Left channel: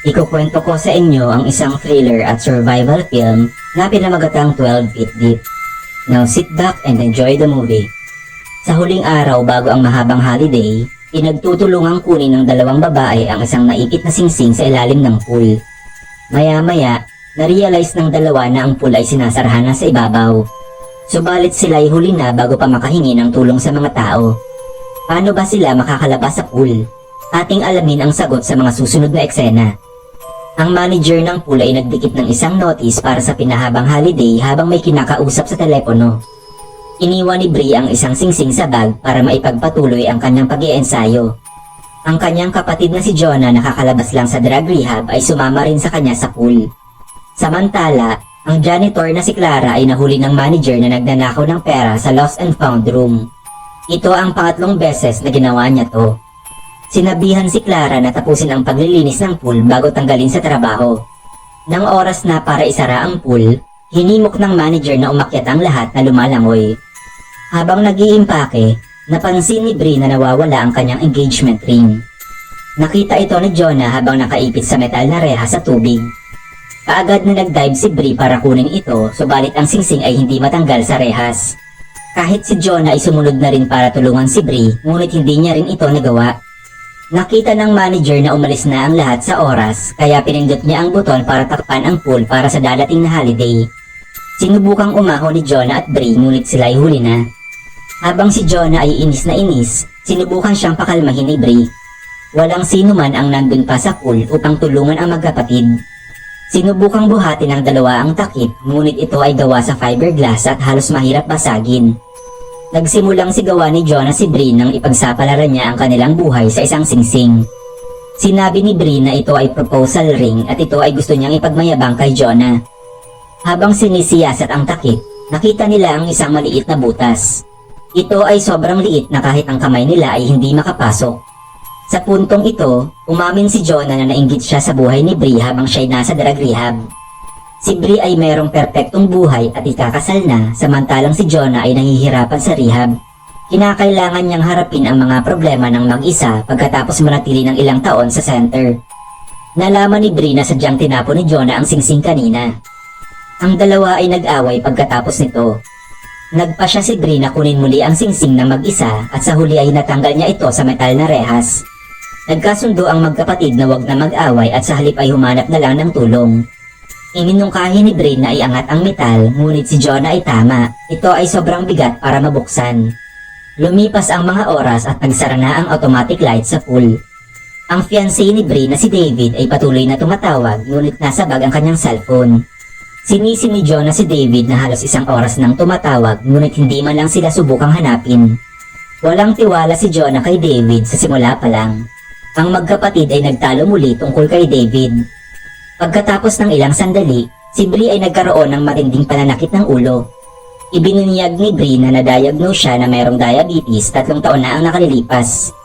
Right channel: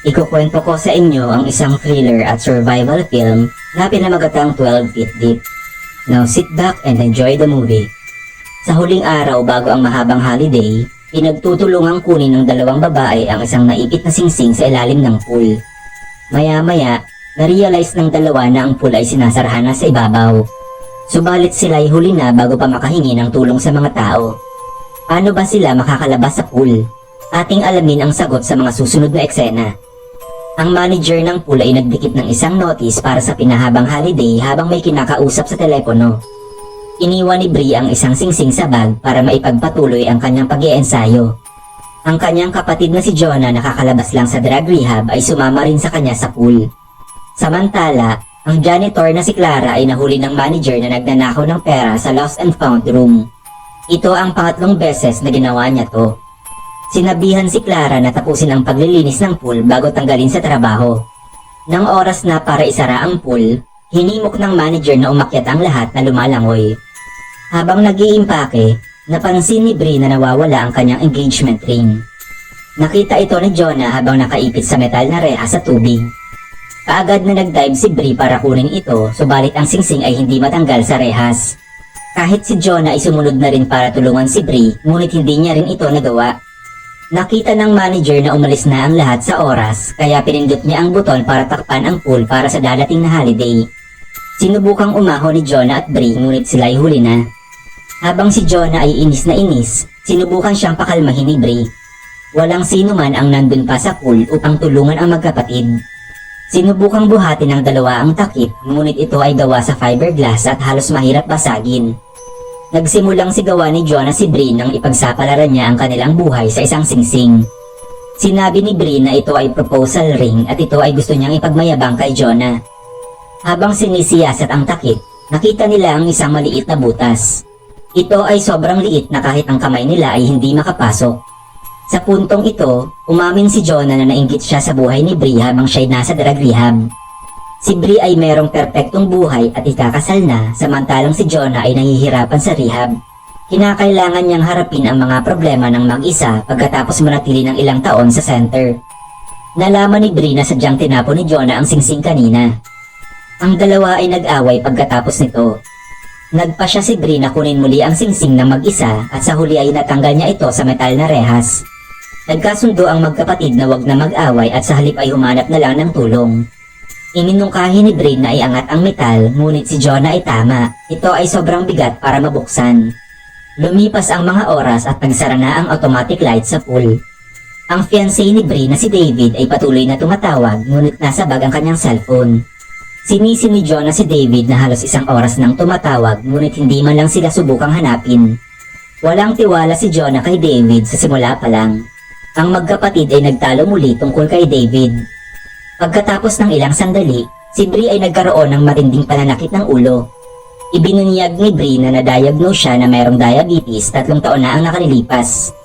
Ikukwento ko sa inyo ang isang thriller at survival film na pinamagatang 12 Feet Deep. Now sit back and enjoy the movie. Sa huling araw bago ang mahabang holiday, pinagtutulungang kunin ng dalawang babae ang isang naipit na singsing sa ilalim ng pool. Maya-maya, na-realize ng dalawa na ang pool ay sinasarhan na sa ibabaw. Subalit sila ay huli na bago pa makahingi ng tulong sa mga tao. Paano ba sila makakalabas sa pool? Ating alamin ang sagot sa mga susunod na eksena. Ang manager ng pool ay nagdikit ng isang notice para sa pinahabang holiday habang may kinakausap sa telepono. Iniwan ni Brie ang isang singsing sa bag para maipagpatuloy ang kanyang pag ensayo Ang kanyang kapatid na si Jonah nakakalabas lang sa drug rehab ay sumama rin sa kanya sa pool. Samantala, ang janitor na si Clara ay nahuli ng manager na nagnanakaw ng pera sa lost and found room. Ito ang pangatlong beses na ginawa niya to. Sinabihan si Clara na tapusin ang paglilinis ng pool bago tanggalin sa trabaho. Nang oras na para isara ang pool, hinimok ng manager na umakyat ang lahat na lumalangoy. Habang nag-iimpake, napansin ni Brie na nawawala ang kanyang engagement ring. Nakita ito ni Jonah habang nakaipit sa metal na reha sa tubig. Kaagad na nag-dive si Brie para kunin ito, subalit ang singsing ay hindi matanggal sa rehas. Kahit si Jonah ay sumunod na rin para tulungan si Brie, ngunit hindi niya rin ito nagawa. Nakita ng manager na umalis na ang lahat sa oras, kaya pinindot niya ang buton para takpan ang pool para sa dadating na holiday. Sinubukang umaho ni Jonah at Brie ngunit sila ay huli na. Habang si Jonah ay inis na inis, sinubukan siyang pakalmahin ni Brie. Walang sino man ang nandun pa sa pool upang tulungan ang magkapatid. Sinubukang buhatin ng dalawa ang takip, ngunit ito ay gawa sa fiberglass at halos mahirap basagin. Nagsimulang sigawan ni Jonah si Brie nang ipagsapalaran niya ang kanilang buhay sa isang singsing. Sinabi ni Brie na ito ay proposal ring at ito ay gusto niyang ipagmayabang kay Jonah. Habang sinisiyasat ang takip, nakita nila ang isang maliit na butas. Ito ay sobrang liit na kahit ang kamay nila ay hindi makapasok. Sa puntong ito, umamin si Jonah na nainggit siya sa buhay ni Brie habang siya'y nasa drug rehab. Si Brie ay merong perpektong buhay at ikakasal na samantalang si Jonah ay nahihirapan sa rehab. Kinakailangan niyang harapin ang mga problema ng mag-isa pagkatapos manatili ng ilang taon sa center. Nalaman ni Brie na sadyang tinapon ni Jonah ang singsing kanina. Ang dalawa ay nag-away pagkatapos nito. Nagpa siya si Brie na kunin muli ang singsing na mag-isa at sa huli ay natanggal niya ito sa metal na rehas. Nagkasundo ang magkapatid na wag na mag-away at sa halip ay humanap na lang ng tulong. Iminungkahi ni Brie na iangat ang metal, ngunit si Jonah ay tama. Ito ay sobrang bigat para mabuksan. Lumipas ang mga oras at nagsara na ang automatic light sa pool. Ang fiancé ni Brie na si David ay patuloy na tumatawag, ngunit nasa bag ang kanyang cellphone. Sinisi ni Jonah si David na halos isang oras nang tumatawag, ngunit hindi man lang sila subukang hanapin. Walang tiwala si Jonah kay David sa simula pa lang. Ang magkapatid ay nagtalo muli tungkol kay David. Pagkatapos ng ilang sandali, si Brie ay nagkaroon ng matinding pananakit ng ulo. Ibinunyag ni Brie na na-diagnose siya na mayroong diabetes tatlong taon na ang nakalilipas.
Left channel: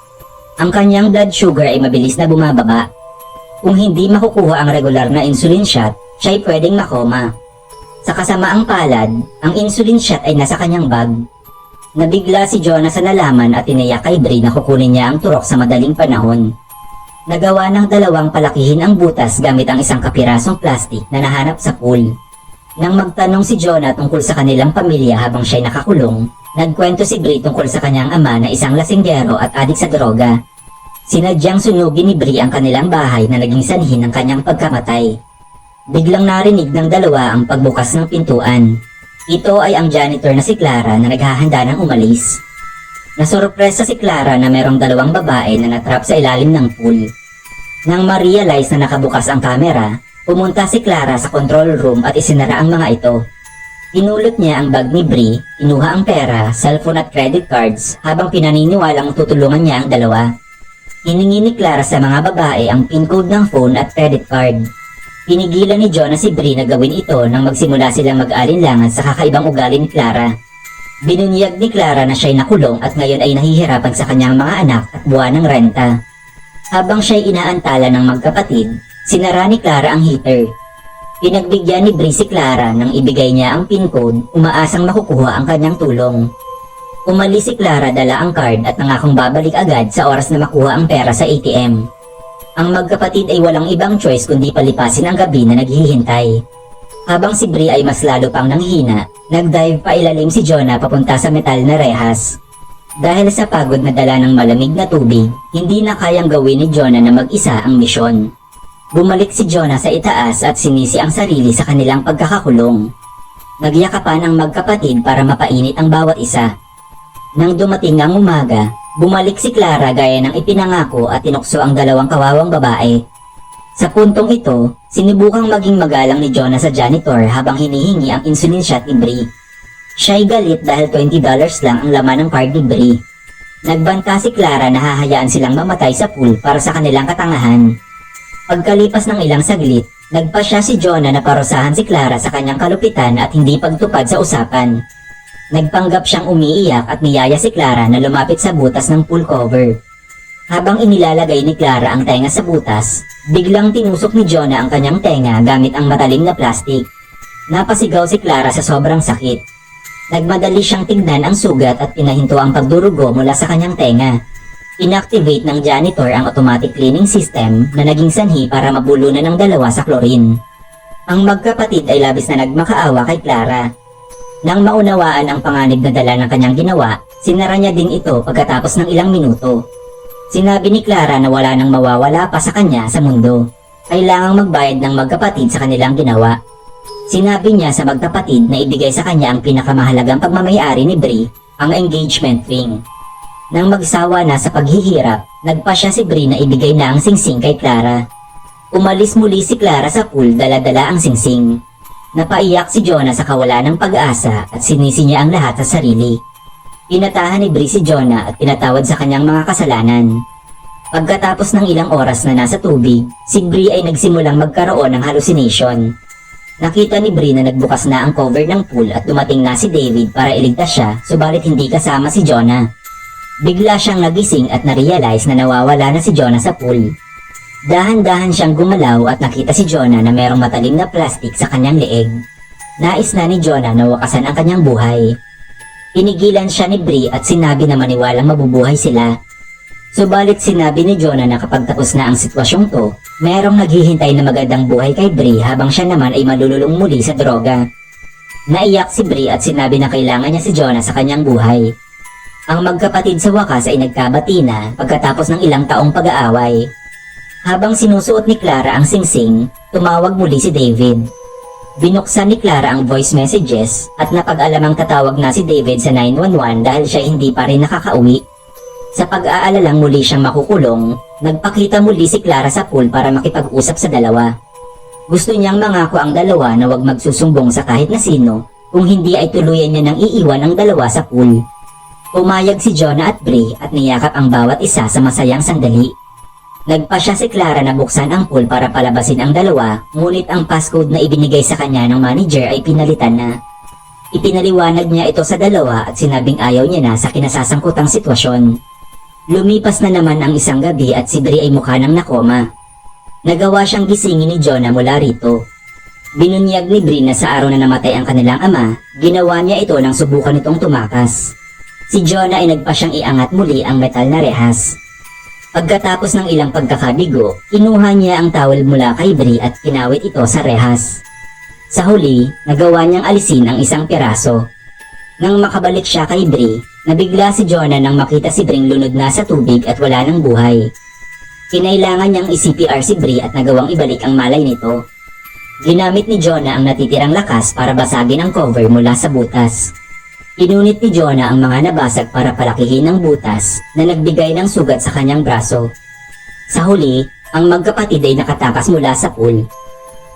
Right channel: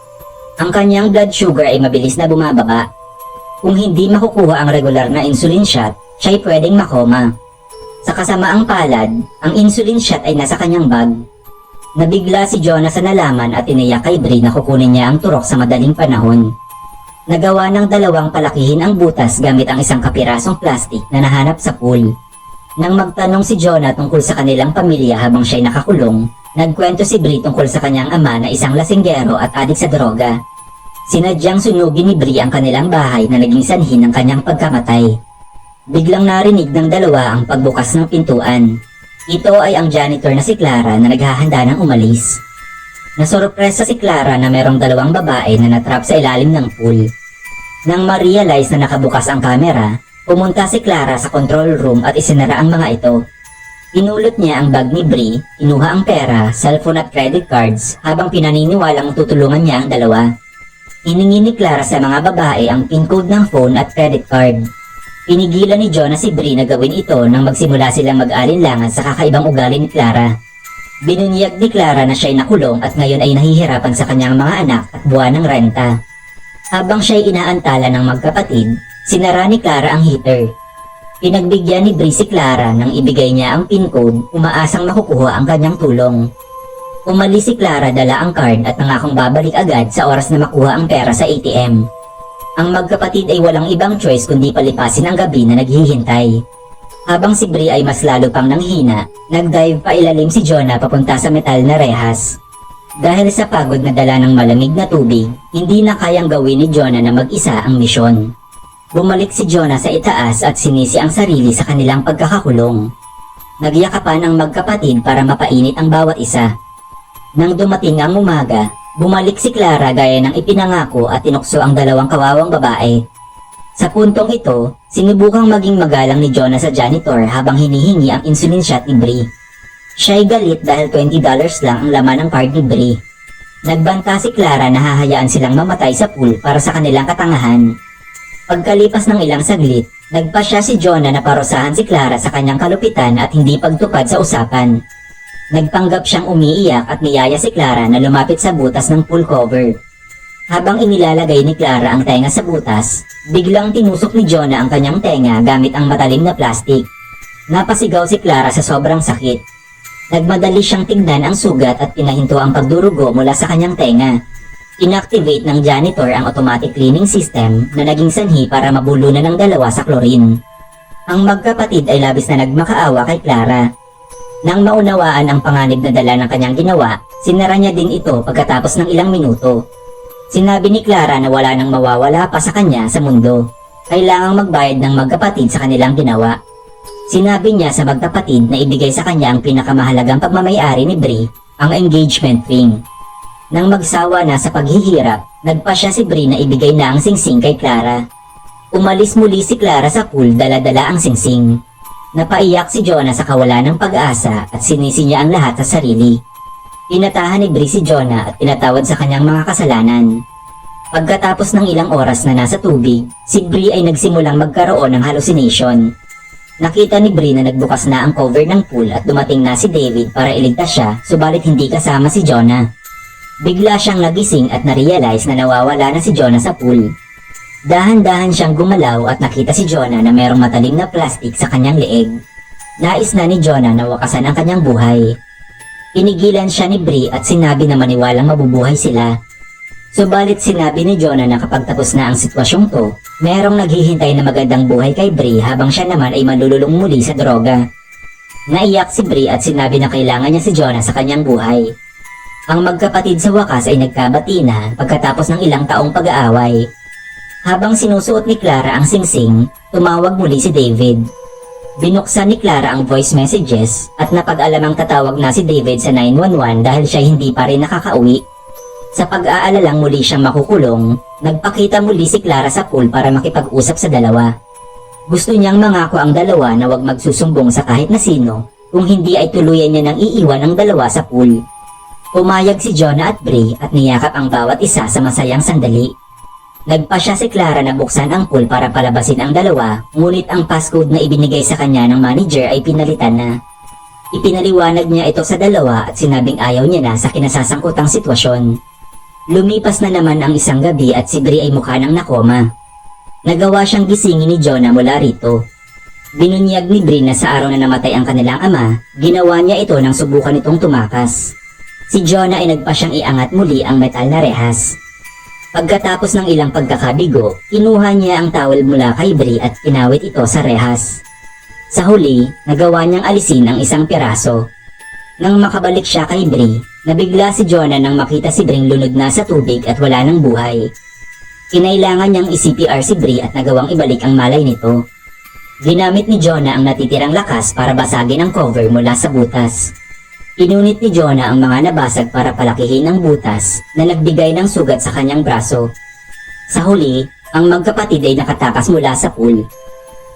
Ang kanyang blood sugar ay mabilis na bumababa. Kung hindi makukuha ang regular na insulin shot, siya ay pwedeng makoma. Sa kasamaang palad, ang insulin shot ay nasa kanyang bag. Nabigla si Jonah sa nalaman at tiniyak kay Brie na kukunin niya ang turok sa madaling panahon. Nagawa ng dalawang palakihin ang butas gamit ang isang kapirasong plastik na nahanap sa pool. Nang magtanong si Jonah tungkol sa kanilang pamilya habang siya'y nakakulong, nagkwento si Brie tungkol sa kanyang ama na isang lasinggero at adik sa droga. Sinadyang sunugin ni Brie ang kanilang bahay na naging sanhi ng kanyang pagkamatay. Biglang narinig ng dalawa ang pagbukas ng pintuan. Ito ay ang janitor na si Clara na naghahanda ng umalis. Nasurpresa si Clara na merong dalawang babae na natrap sa ilalim ng pool. Nang ma-realize na nakabukas ang kamera, pumunta si Clara sa control room at isinara ang mga ito. Pinulot niya ang bag ni Brie, kinuha ang pera, cellphone at credit cards habang pinaniniwalang tutulungan niya ang dalawa. Hiningi ni Clara sa mga babae ang pin code ng phone at credit card. Pinigilan ni John na si Brie na gawin ito nang magsimula silang mag-alinlangan sa kakaibang ugali ni Clara. Binunyag ni Clara na siya'y nakulong at ngayon ay nahihirapan sa kanyang mga anak at buwan ng renta. Habang siya'y inaantala ng magkapatid, sinara ni Clara ang heater. Pinagbigyan ni Brie si Clara nang ibigay niya ang pin code, umaasang makukuha ang kanyang tulong. Umalis si Clara dala ang card at nangakong babalik agad sa oras na makuha ang pera sa ATM. Ang magkapatid ay walang ibang choice kundi palipasin ang gabi na naghihintay. Habang si Bri ay mas lalo pang nanghina, nagdive pa ilalim si Jonah papunta sa metal na rehas. Dahil sa pagod na dala ng malamig na tubig, hindi na kayang gawin ni Jonah na mag-isa ang misyon. Bumalik si Jonah sa itaas at sinisi ang sarili sa kanilang pagkakakulong. Nagyakapan ang magkapatid para mapainit ang bawat isa. Nang dumating ang umaga, bumalik si Clara gaya ng ipinangako at tinukso ang dalawang kawawang babae. Sa puntong ito, sinubukang maging magalang ni Jonah sa janitor habang hinihingi ang insulin shot ni Brie. Siya'y galit dahil $20 lang ang laman ng card ni Brie. Nagbanta si Clara na hahayaan silang mamatay sa pool para sa kanilang katangahan. Pagkalipas ng ilang saglit, nagpa siya si Jonah na parusahan si Clara sa kanyang kalupitan at hindi pagtupad sa usapan. Nagpanggap siyang umiiyak at niyaya si Clara na lumapit sa butas ng pool cover. Habang inilalagay ni Clara ang tenga sa butas, biglang tinusok ni Jonah ang kanyang tenga gamit ang matalim na plastik. Napasigaw si Clara sa sobrang sakit. Nagmadali siyang tignan ang sugat at pinahinto ang pagdurugo mula sa kanyang tenga. Inactivate ng janitor ang automatic cleaning system na naging sanhi para mabulunan ng dalawa sa chlorine. Ang magkapatid ay labis na nagmakaawa kay Clara. Nang maunawaan ang panganib na dala ng kanyang ginawa, sinara niya din ito pagkatapos ng ilang minuto. Sinabi ni Clara na wala nang mawawala pa sa kanya sa mundo. Kailangang magbayad ng magkapatid sa kanilang ginawa. Sinabi niya sa magkapatid na ibigay sa kanya ang pinakamahalagang pagmamayari ni Brie, ang engagement ring. Nang magsawa na sa paghihirap, nagpa siya si Brie na ibigay na ang singsing kay Clara. Umalis muli si Clara sa pool dala-dala ang singsing. Napaiyak si Jonah sa kawalan ng pag-asa at sinisi niya ang lahat sa sarili. Inatahan ni Brie si Jonah at pinatawad sa kanyang mga kasalanan. Pagkatapos ng ilang oras na nasa tubig, si Brie ay nagsimulang magkaroon ng hallucination. Nakita ni Brie na nagbukas na ang cover ng pool at dumating na si David para iligtas siya, subalit hindi kasama si Jonah. Bigla siyang nagising at narealize na nawawala na si Jonah sa pool. Dahan-dahan siyang gumalaw at nakita si Jonah na mayroong matalim na plastic sa kanyang leeg. Nais na ni Jonah na wakasan ang kanyang buhay. Pinigilan siya ni Brie at sinabi na maniwalang mabubuhay sila. Subalit sinabi ni Jonah na kapag tapos na ang sitwasyong to, merong naghihintay na magandang buhay kay Brie habang siya naman ay malululong muli sa droga. Naiyak si Brie at sinabi na kailangan niya si Jonah sa kanyang buhay. Ang magkapatid sa wakas ay nagkabati na pagkatapos ng ilang taong pag-aaway. Habang sinusuot ni Clara ang singsing, tumawag muli si David. Binuksan ni Clara ang voice messages at napag-alamang tatawag na si David sa 911 dahil siya hindi pa rin nakakauwi. Sa pag-aalalang muli siyang makukulong, nagpakita muli si Clara sa pool para makipag-usap sa dalawa. Gusto niyang mangako ang dalawa na wag magsusumbong sa kahit na sino kung hindi ay tuluyan niya nang iiwan ang dalawa sa pool. Pumayag si Jonah at Bray at niyakap ang bawat isa sa masayang sandali. Nagpa siya si Clara na buksan ang pool para palabasin ang dalawa, ngunit ang passcode na ibinigay sa kanya ng manager ay pinalitan na. Ipinaliwanag niya ito sa dalawa at sinabing ayaw niya na sa kinasasangkutang sitwasyon. Lumipas na naman ang isang gabi at si Brie ay mukha ng nakoma. Nagawa siyang gisingin ni Jonah mula rito. Binunyag ni Brie na sa araw na namatay ang kanilang ama, ginawa niya ito nang subukan itong tumakas. Si Jonah ay nagpa siyang iangat muli ang metal na rehas. Pagkatapos ng ilang pagkakabigo, kinuha niya ang towel mula kay Brie at pinawit ito sa rehas. Sa huli, nagawa niyang alisin ang isang piraso. Nang makabalik siya kay Brie, nabigla si Jonah nang makita si Bring lunod na sa tubig at wala ng buhay. Kinailangan niyang i-CPR si Brie at nagawang ibalik ang malay nito. Ginamit ni Jonah ang natitirang lakas para basagin ang cover mula sa butas. Inunit ni Jonah ang mga nabasag para palakihin ang butas na nagbigay ng sugat sa kanyang braso. Sa huli, ang magkapatid ay nakatakas mula sa pool.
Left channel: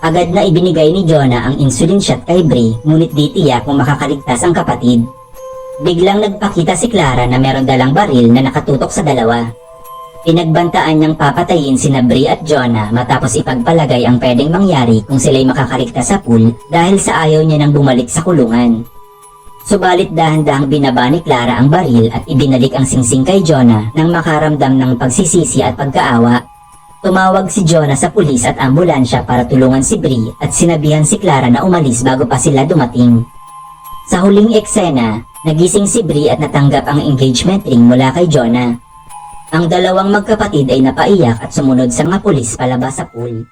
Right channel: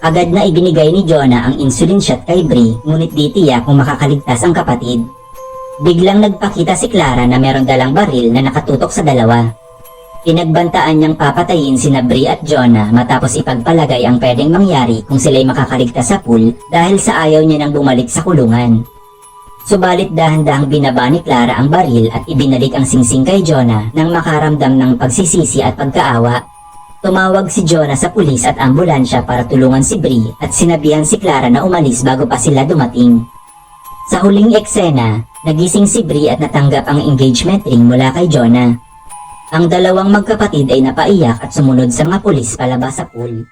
Agad na ibinigay ni Jonah ang insulin shot kay Brie ngunit di tiyak kung makakaligtas ang kapatid. Biglang nagpakita si Clara na meron dalang baril na nakatutok sa dalawa. Pinagbantaan niyang papatayin sina Brie at Jonah matapos ipagpalagay ang pwedeng mangyari kung sila'y makakaligtas sa pool dahil sa ayaw niya nang bumalik sa kulungan. Subalit dahan-dahang binaba ni Clara ang baril at ibinalik ang singsing kay Jonah nang makaramdam ng pagsisisi at pagkaawa. Tumawag si Jonah sa pulis at ambulansya para tulungan si Brie at sinabihan si Clara na umalis bago pa sila dumating. Sa huling eksena, nagising si Brie at natanggap ang engagement ring mula kay Jonah. Ang dalawang magkapatid ay napaiyak at sumunod sa mga pulis palabas sa pool.